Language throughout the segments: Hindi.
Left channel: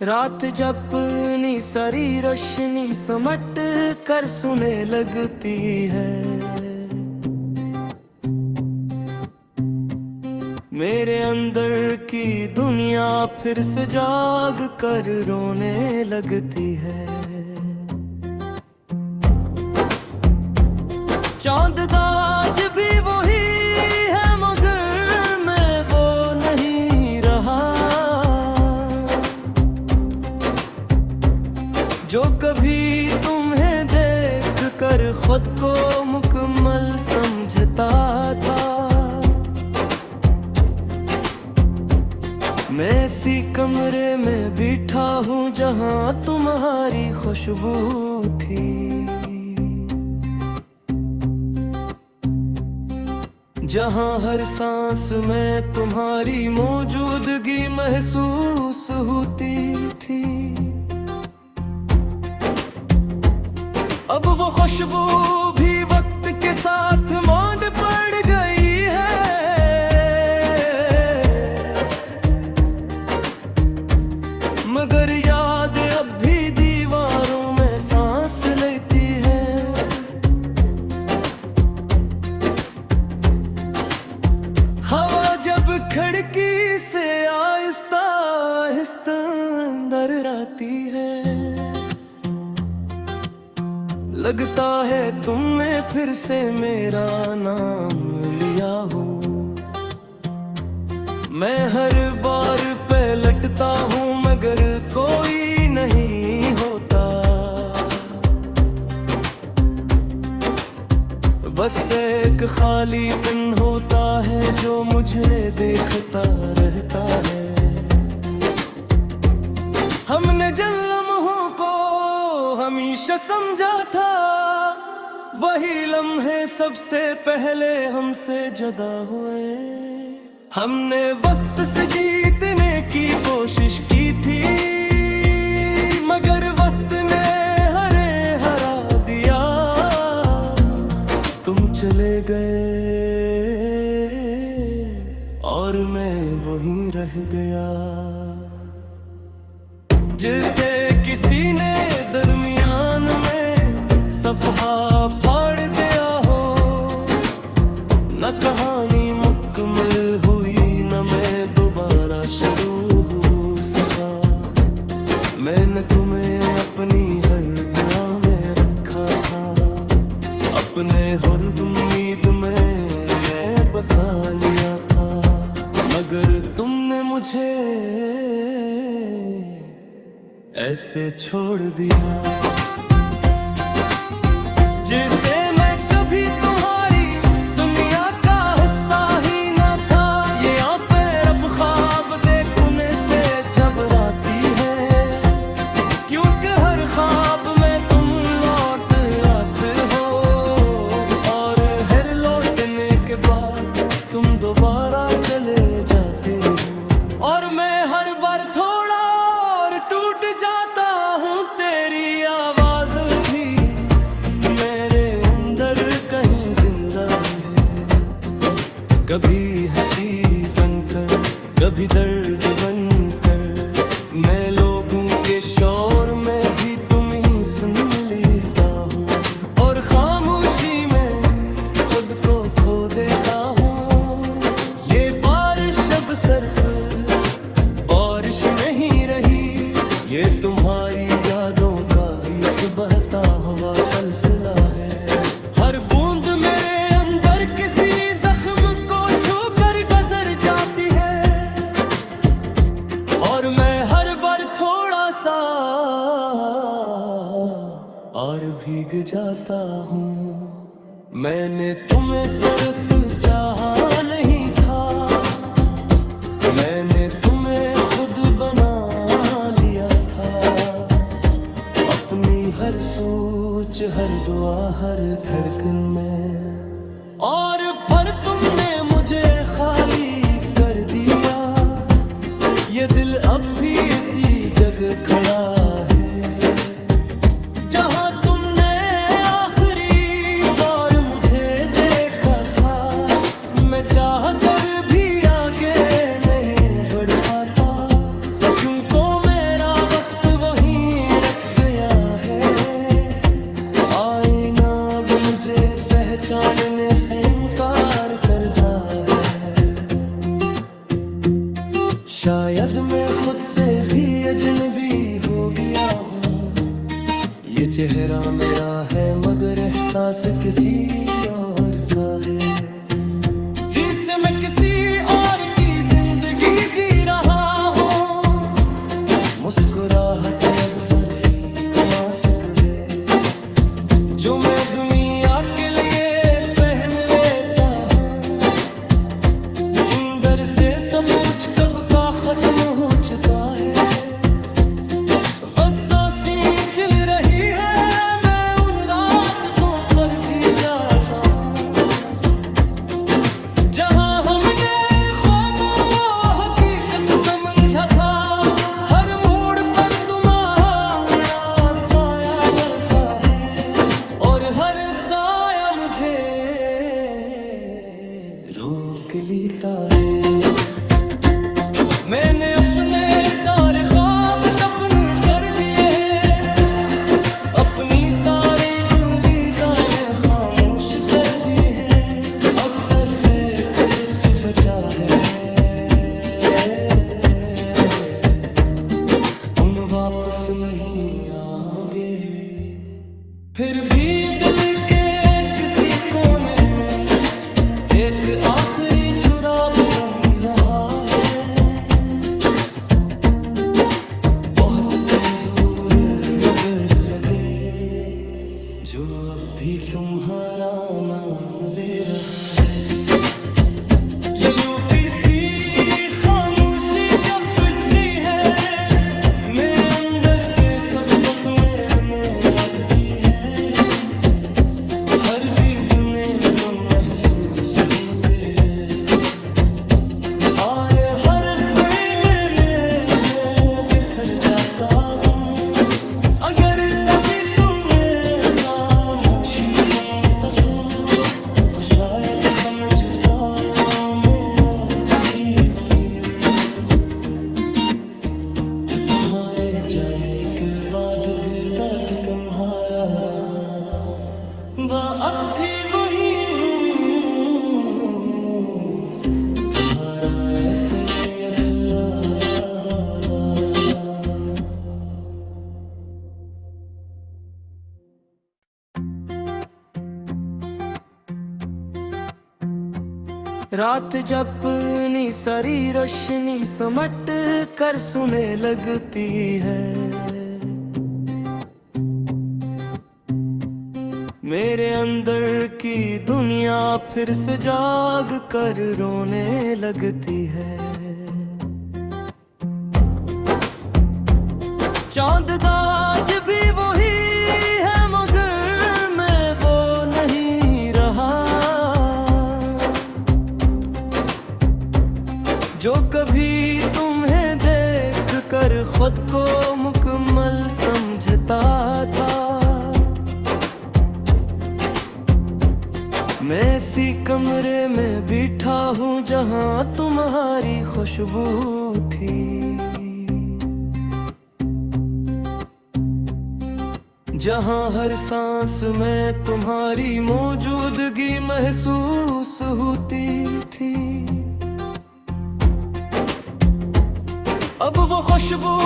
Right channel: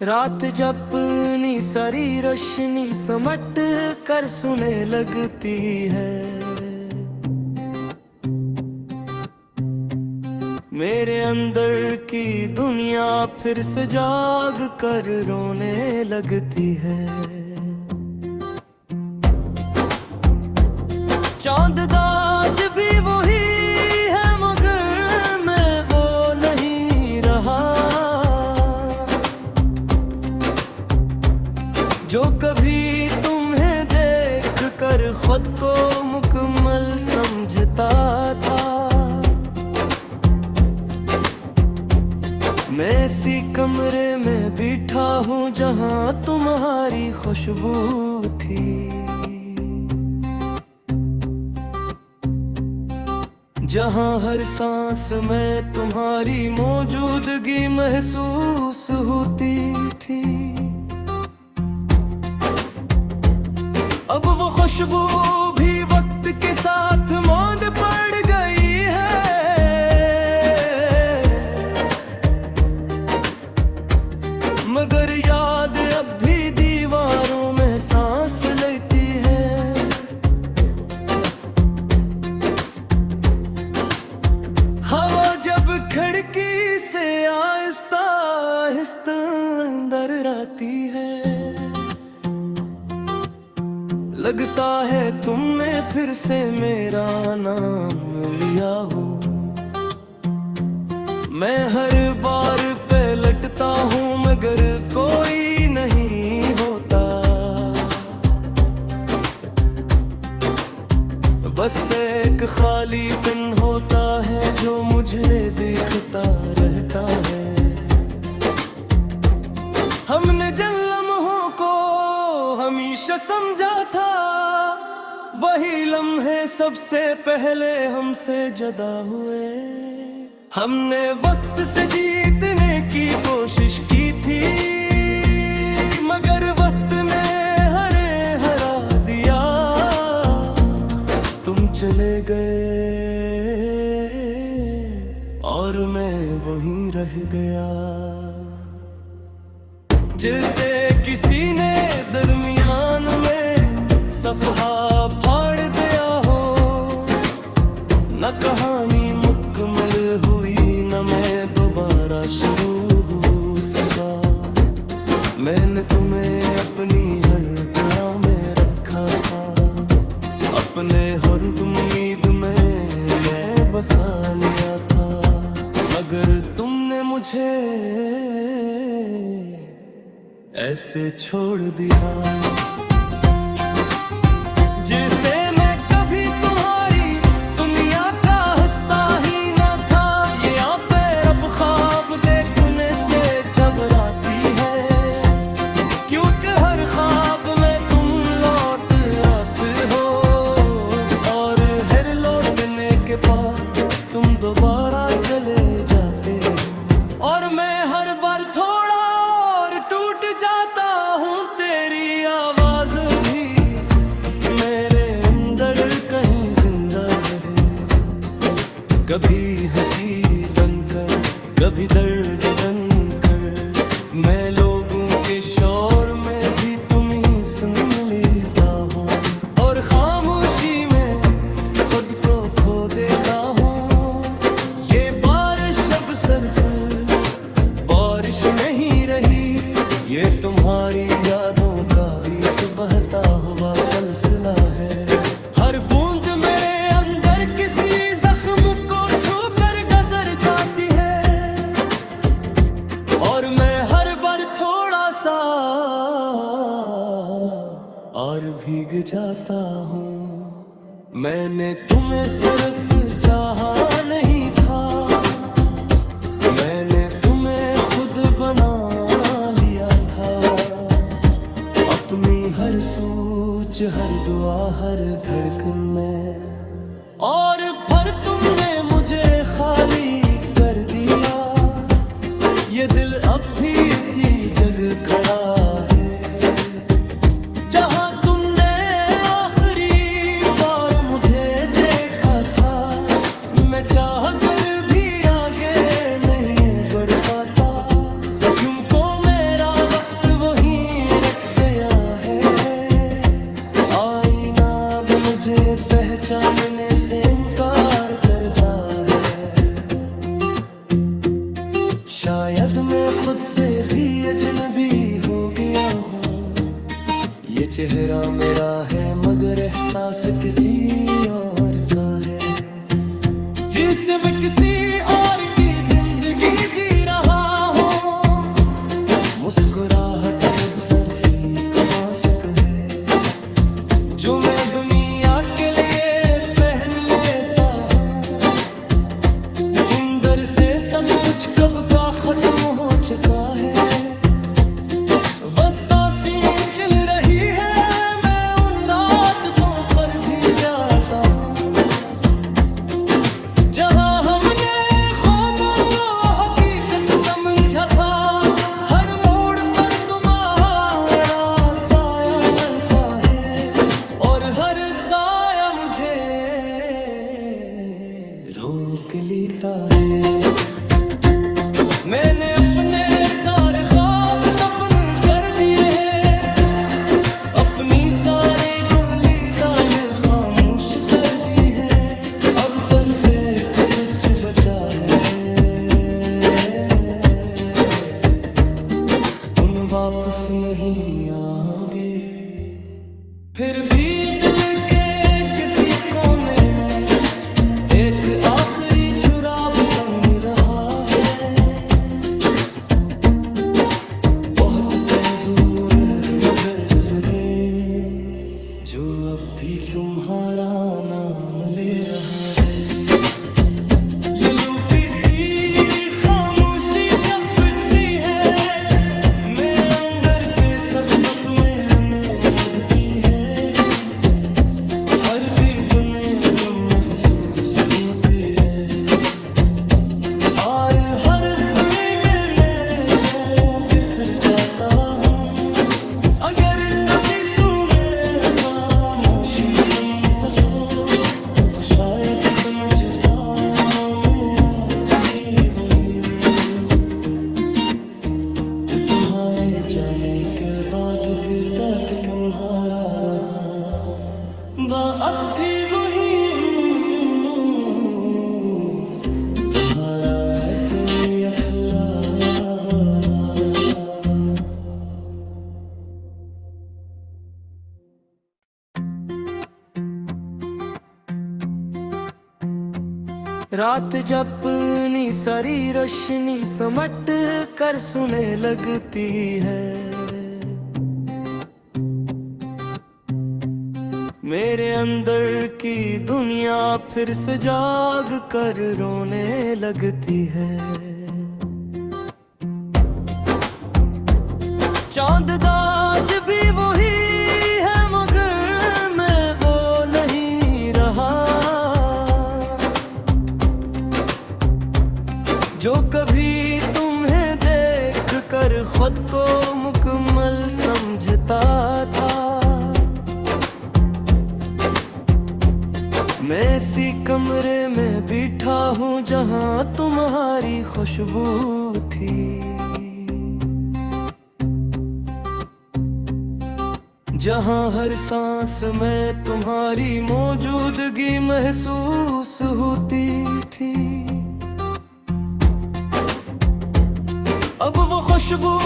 रात जब अपनी सारी रोशनी समट कर सुने लगती है, मेरे अंदर की दुनिया फिर से जाग कर रोने लगती है। चांद आज भी वही है मगर मैं वो नहीं रहा जो कभी तुम्हें देख कर खुद को मुकम्मल समझता था। मैं इसी कमरे में बैठा हूँ जहाँ तुम्हारी खुशबू थी, जहाँ हर सांस में तुम्हारी मौजूदगी महसूस होती थी। अब वो खुशबू भी वक्त के साथ मौन पड़ गई है, मगर याद अब भी दीवारों में सांस लेती है। हवा जब खिड़की से आहिस्ता आहिस्ता अंदर आती है, लगता है तुमने फिर से मेरा नाम लिया हो। मैं हर बार पलटता हूँ मगर कोई नहीं होता, बस एक खाली पिन होता है जो मुझे देखता रहता है। हमने जिन लम्हों को हमेशा समझा था, वही लम्हे सबसे पहले हमसे जुदा हुए। हमने वक्त से जीतने की कोशिश की थी, मगर वक्त ने हरा दिया। तुम चले गए और मैं वहीं रह गया, जैसे किसी ने दरमियान में सफ़हा फाड़ दिया हो। न कहानी मुकम्मल हुई, न मैं दोबारा शुरू हो सका। मैंने तुम्हें अपनी हर दुआ में रखा था, अपने हर उम्मीद में मैं बसा लिया था, मगर तुमने मुझे ऐसे छोड़ दिया जैसे मैं कभी तुम्हारी दुनिया का हिस्सा ही न था। ये आंखें रब ख्वाब देखने से घबराती है, क्योंकि हर ख्वाब में तुम लौट आते हो, और हर लौटने के बाद तुम दोबारा चले जाते हो। और मैं हर बार थोड़ा और टूट जाता हूँ, तेरी आवाज भी मेरे अंदर कहीं जिंदा है। कभी हंसी बनकर, कभी दर्द बनकर, मैं लोगों के शोर में भी तुम ही सुन लेता हूँ, और खामोशी में खुद को खो देता हूँ। ये बारिश अब सिर्फ बारिश नहीं रही, ये तुम्हारी यादों का एक बहता हुआ सिलसिला है। हर बूंद मेरे अंदर किसी जख्म को छू कर गुजर जाती है, और मैं हर बार थोड़ा सा और भीग जाता हूँ। मैंने तुम्हें सिर्फ चाहा नहीं था, मैंने तुम्हें खुद बना लिया था। अपनी हर सोच, हर दुआ, हर धड़कन में, और फिर तुमने मुझे खाली कर दिया। ये दिल अब भी इसी जगह खड़ा है, जहाँ तुमने आखिरी बार मुझे देखा था। मैं चाह कर भी आगे नहीं बढ़ पाता, क्योंकि मेरा आता है। शायद मैं खुद से भी अजनबी हो गया हूँ। ये चेहरा मेरा है मगर एहसास किसी और का है। जिसे मैं किसी और की जिंदगी जी रहा हूँ। मुस्कुराहट अब सर्फी का मास्क है जो मैं दुनिया के लिए पहन लेता हूँ। अंदर से सब कुछ कब का खत्म हो चुका है। बस सांसें चल रही है, मैं उन रास्तों पर भी जाता हूँ जहाँ हमने ख्वाबों को हकीकत समझा था। हर मोड़ पर तुम्हारा साया मिलता है और हर साया मुझे रोक लेता है। मैंने अपने सारे ख्वाब दफन कर दिए हैं, अपनी सारी गुलीदा में खामोश कर दी है। अब सिर्फ एक सच बचा है, उन वापस नहीं आओगे। फिर भी दिल के किसी कोने में एक आखिरी चुराग तन रहा है। बहुत कमजोर मगर जगे जो अब भी तुम्हारा नाम ले रहा है। ये लूफी सी खामोशी जब बुझती है, मैं अंदर पे सख्त में अदकी है। हर भी बुने तुम महसूस होते हैं और हर सोए में बिखर जाता हूँ। अगर कभी तुम्हें खामोशी समझ सको तो शायद समझता हूँ मैं भी वही हूँ जो तुम्हारे जाने के बाद भी तक तुम्हारा रहा। अब थी वही हूँ तुम्हारा असलियत रहा। रात जब अपनी सारी रोशनी समट कर सुने लगती है, मेरे अंदर की दुनिया फिर से जाग कर रोने लगती है। चांद आज भी वही है मगर मैं वो नहीं रहा जो कभी तुम्हें देख कर खुद को मुकम्मल समझता था। मैं इसी कमरे में बैठा हूँ जहाँ तुम्हारी खुशबू थी, जहाँ हर सांस में तुम्हारी मौजूदगी महसूस होती थी। अब वो खुशबू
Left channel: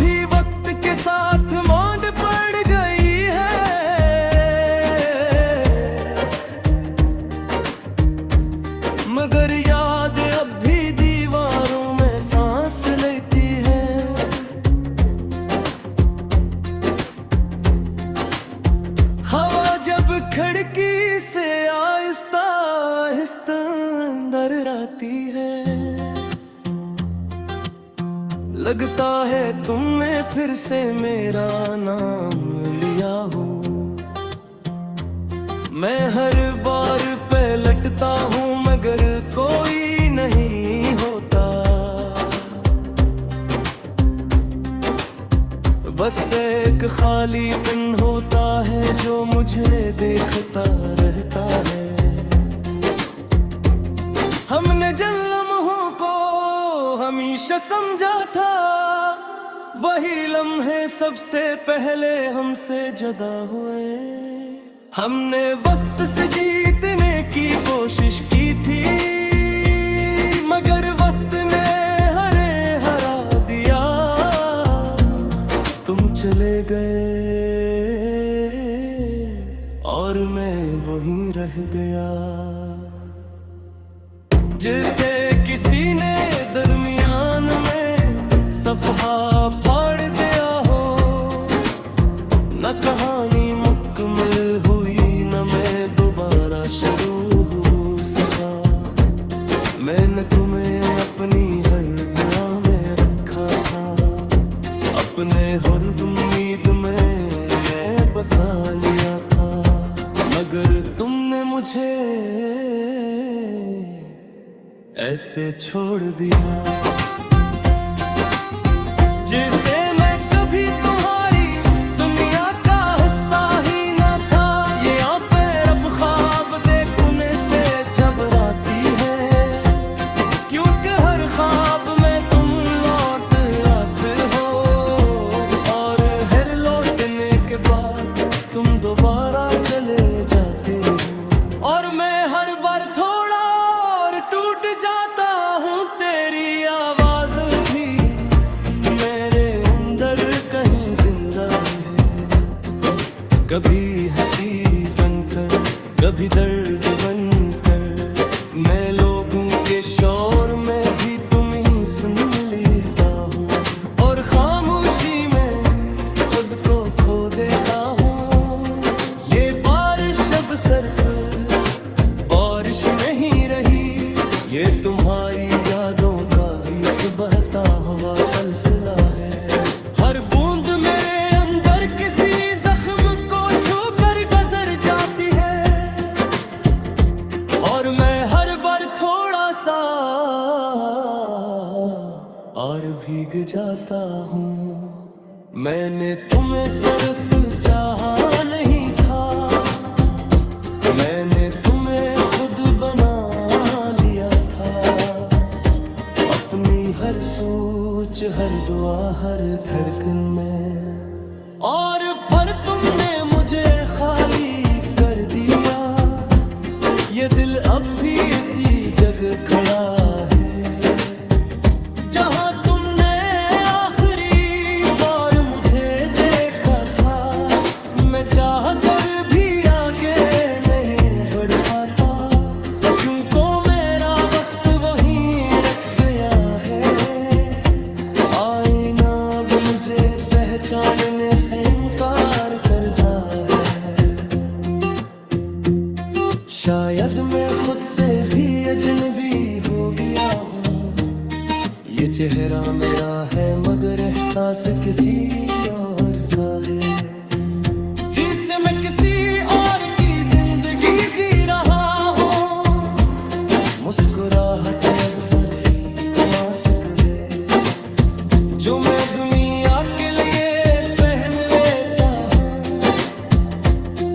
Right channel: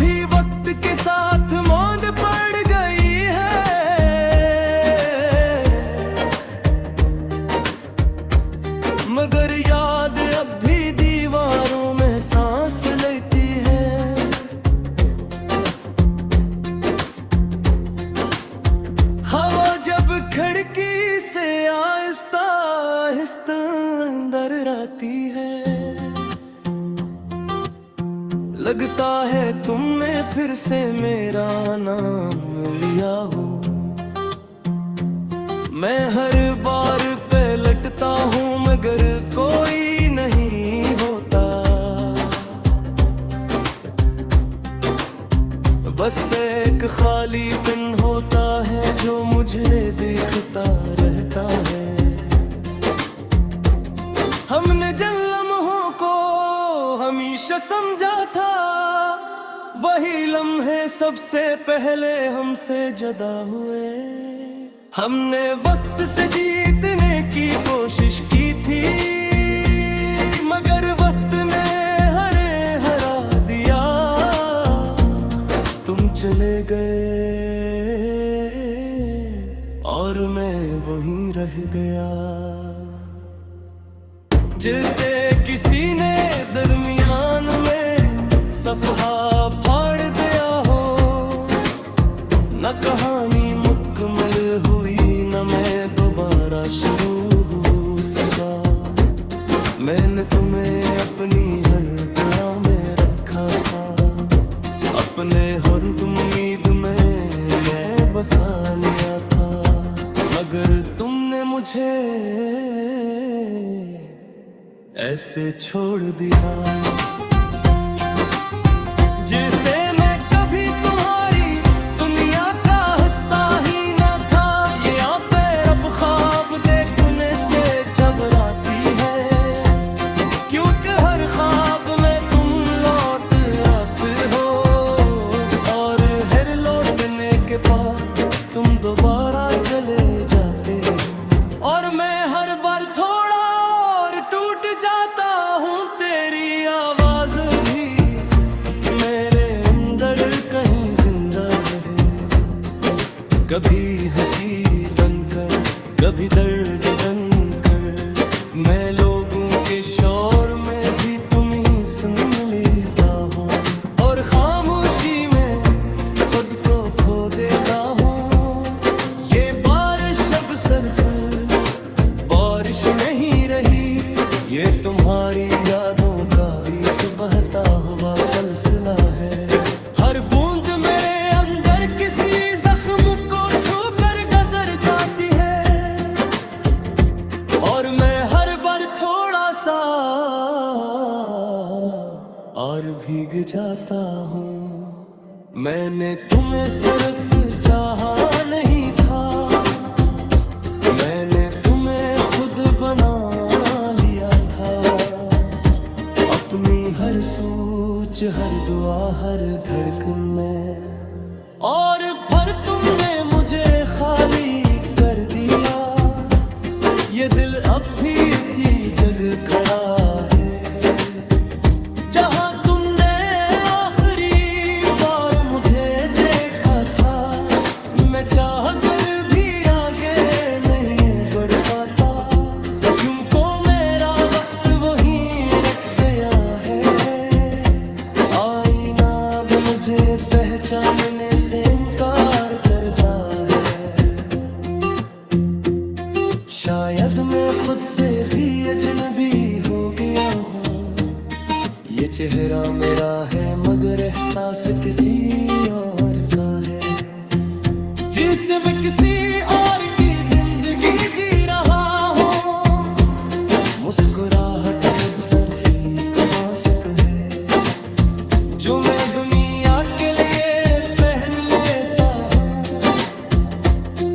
भी वक्त के साथ मांड पड़ गई है, मगर याद अब भी दीवारों में सांस लेती है। हवा जब खिड़की से आहिस्ता आहिस्ता अंदर आती है, लगता है तुमने फिर से मेरा नाम लिया हो। मैं हर बार पे लटता हूँ मगर कोई नहीं होता, बस एक खाली पिन होता है जो मुझे देखता रहता है। हमने जिन लम्हों को हमेशा समझा था, वही लम्हे सबसे पहले हमसे जुदा हुए। हमने वक्त से जीतने की कोशिश की थी, मगर वक्त ने हरा दिया। तुम चले गए और मैं वहीं रह गया। जैसे किसी ने दरमियान में सफ़हा फाड़ दिया हो, न कहानी मुकम्मल हुई, न मैं दोबारा शुरू हो सका। मैंने तुम्हें अपनी हर दुआ में रखा था, अपने हर उम्मीद में मैं बसा लिया था, मगर तुमने मुझे ऐसे छोड़ दिया। जैसे मैं कभी तुम्हारी दुनिया का हिस्सा ही न था। ये आंखें रब ख्वाब देखने से घबराती है, क्योंकि हर ख्वाब में तुम लौट आते हो, और हर लौटने के बाद तुम दोबारा चले जाते हो। और मैं हर बार थोड़ा और टूट जाता हूँ, तेरी आवाज भी मेरे अंदर कहीं जिंदा है। कभी हंसी बनकर, कभी दर्द बनकर, मैं लोगों के शोर में भी तुम ही सुन लेता हूँ, और खामोशी में खुद को खो देता हूँ। ये बारिश अब सिर्फ बारिश नहीं रही, ये तुम्हारी यादों का एक बहता हुआ सिलसिला है। हर बूंद मेरे अंदर किसी जख्म को छूकर गुजर जाती है, और मैं हर बार थोड़ा सा और भीग जाता हूँ। मैंने तुम्हें सिर्फ चाहा नहीं था, मैंने तुम्हें खुद बना लिया था। अपनी हर सोच, हर दुआ, हर धड़कन में, और फिर तुमने मुझे खाली कर दिया। ये दिल अब भी इसी जगह खड़ा है, जहां तुमने आखिरी बार मुझे देखा था। मैं चाह कर भी आगे नहीं बढ़ पाता, क्योंकि मेरा वक्त वहीं रख गया है। आईना अब मुझे पहचानने से इनकार करता है। शायद मैं खुद से भी अजनबी हो गया हूँ। ये चेहरा मेरा है, मगर एहसास किसी और का है, जिसे मैं किसी और की जिंदगी जी रहा हूँ। मुस्कुराहट अब सिर्फ एक मास्क है, जो मैं दुनिया के लिए पहन लेता हूँ।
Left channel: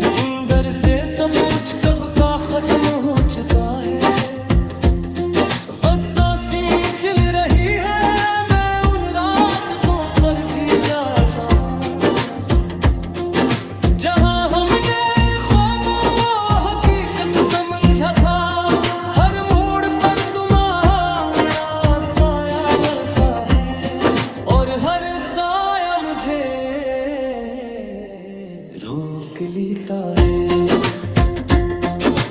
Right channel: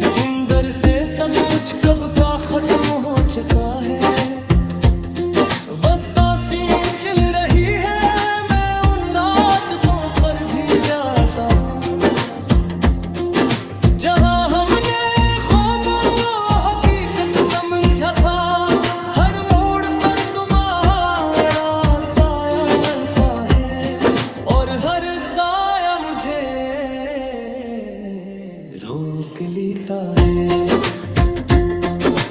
अंदर से सब कुछ कब का खत्म हो चुका है, बस सांसें चल रही है। मैं उन रास्तों पर भी जाता हूँ, जहाँ हमने ख्वाबों को हकीकत समझा था। हर मोड़ पर तुम्हारा साया मिलता है, और हर साया मुझे रोक लेता है।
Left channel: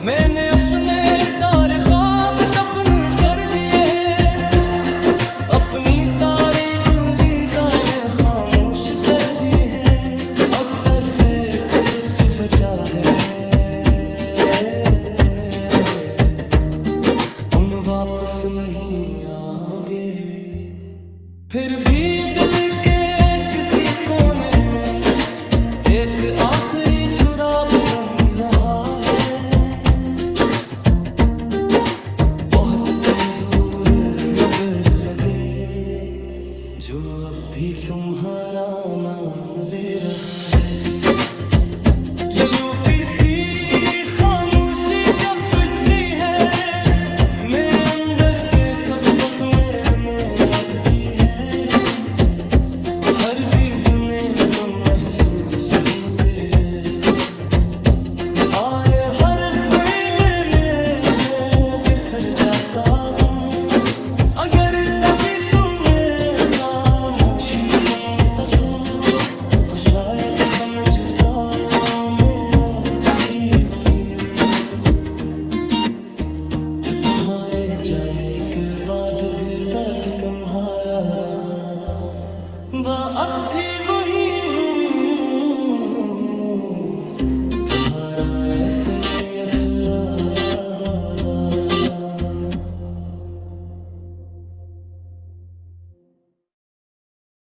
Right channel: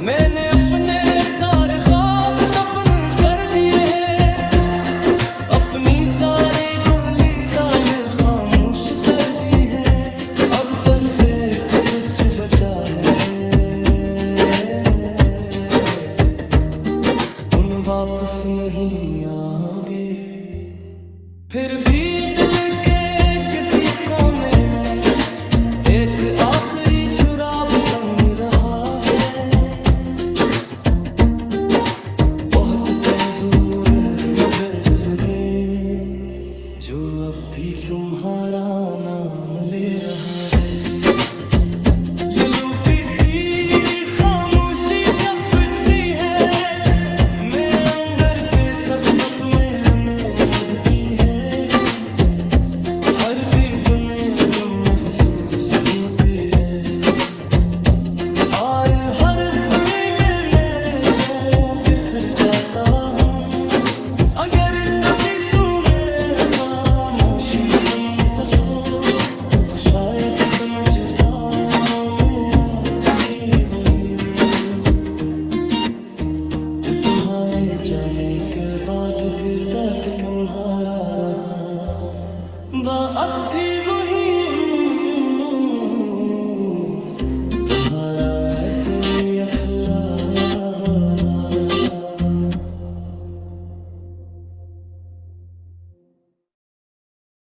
मैंने अपने सारे ख्वाब दफन कर दिए हैं, अपनी सारी गुलीदा में खामोश कर दी है। अब सिर्फ एक सच बचा है, उन वापस नहीं आओगे। फिर भी दिल के किसी कोने में एक आखिरी चुराग तन रहा है। बहुत कमजोर मगर जदे, जो अब भी तुम्हारा नाम ले रहा है। ये लूफी सी खामोशी जब बुझती है, मैं अंदर पे सब सत में लगती है। हर भी गुने तुम महसूस होते हैं, और हर सुई में मैं बिखर जाता हूँ। अगर कभी तुम्हें खामोशी सुन सकूं तो शायद समझ पाओ मैं उलझ भी वही हूँ जो तुम्हारे जाने के बाद भी तक तुम्हारा रहा। अब थी वही हूँ तुम्हारा ऐसे भी अथरा।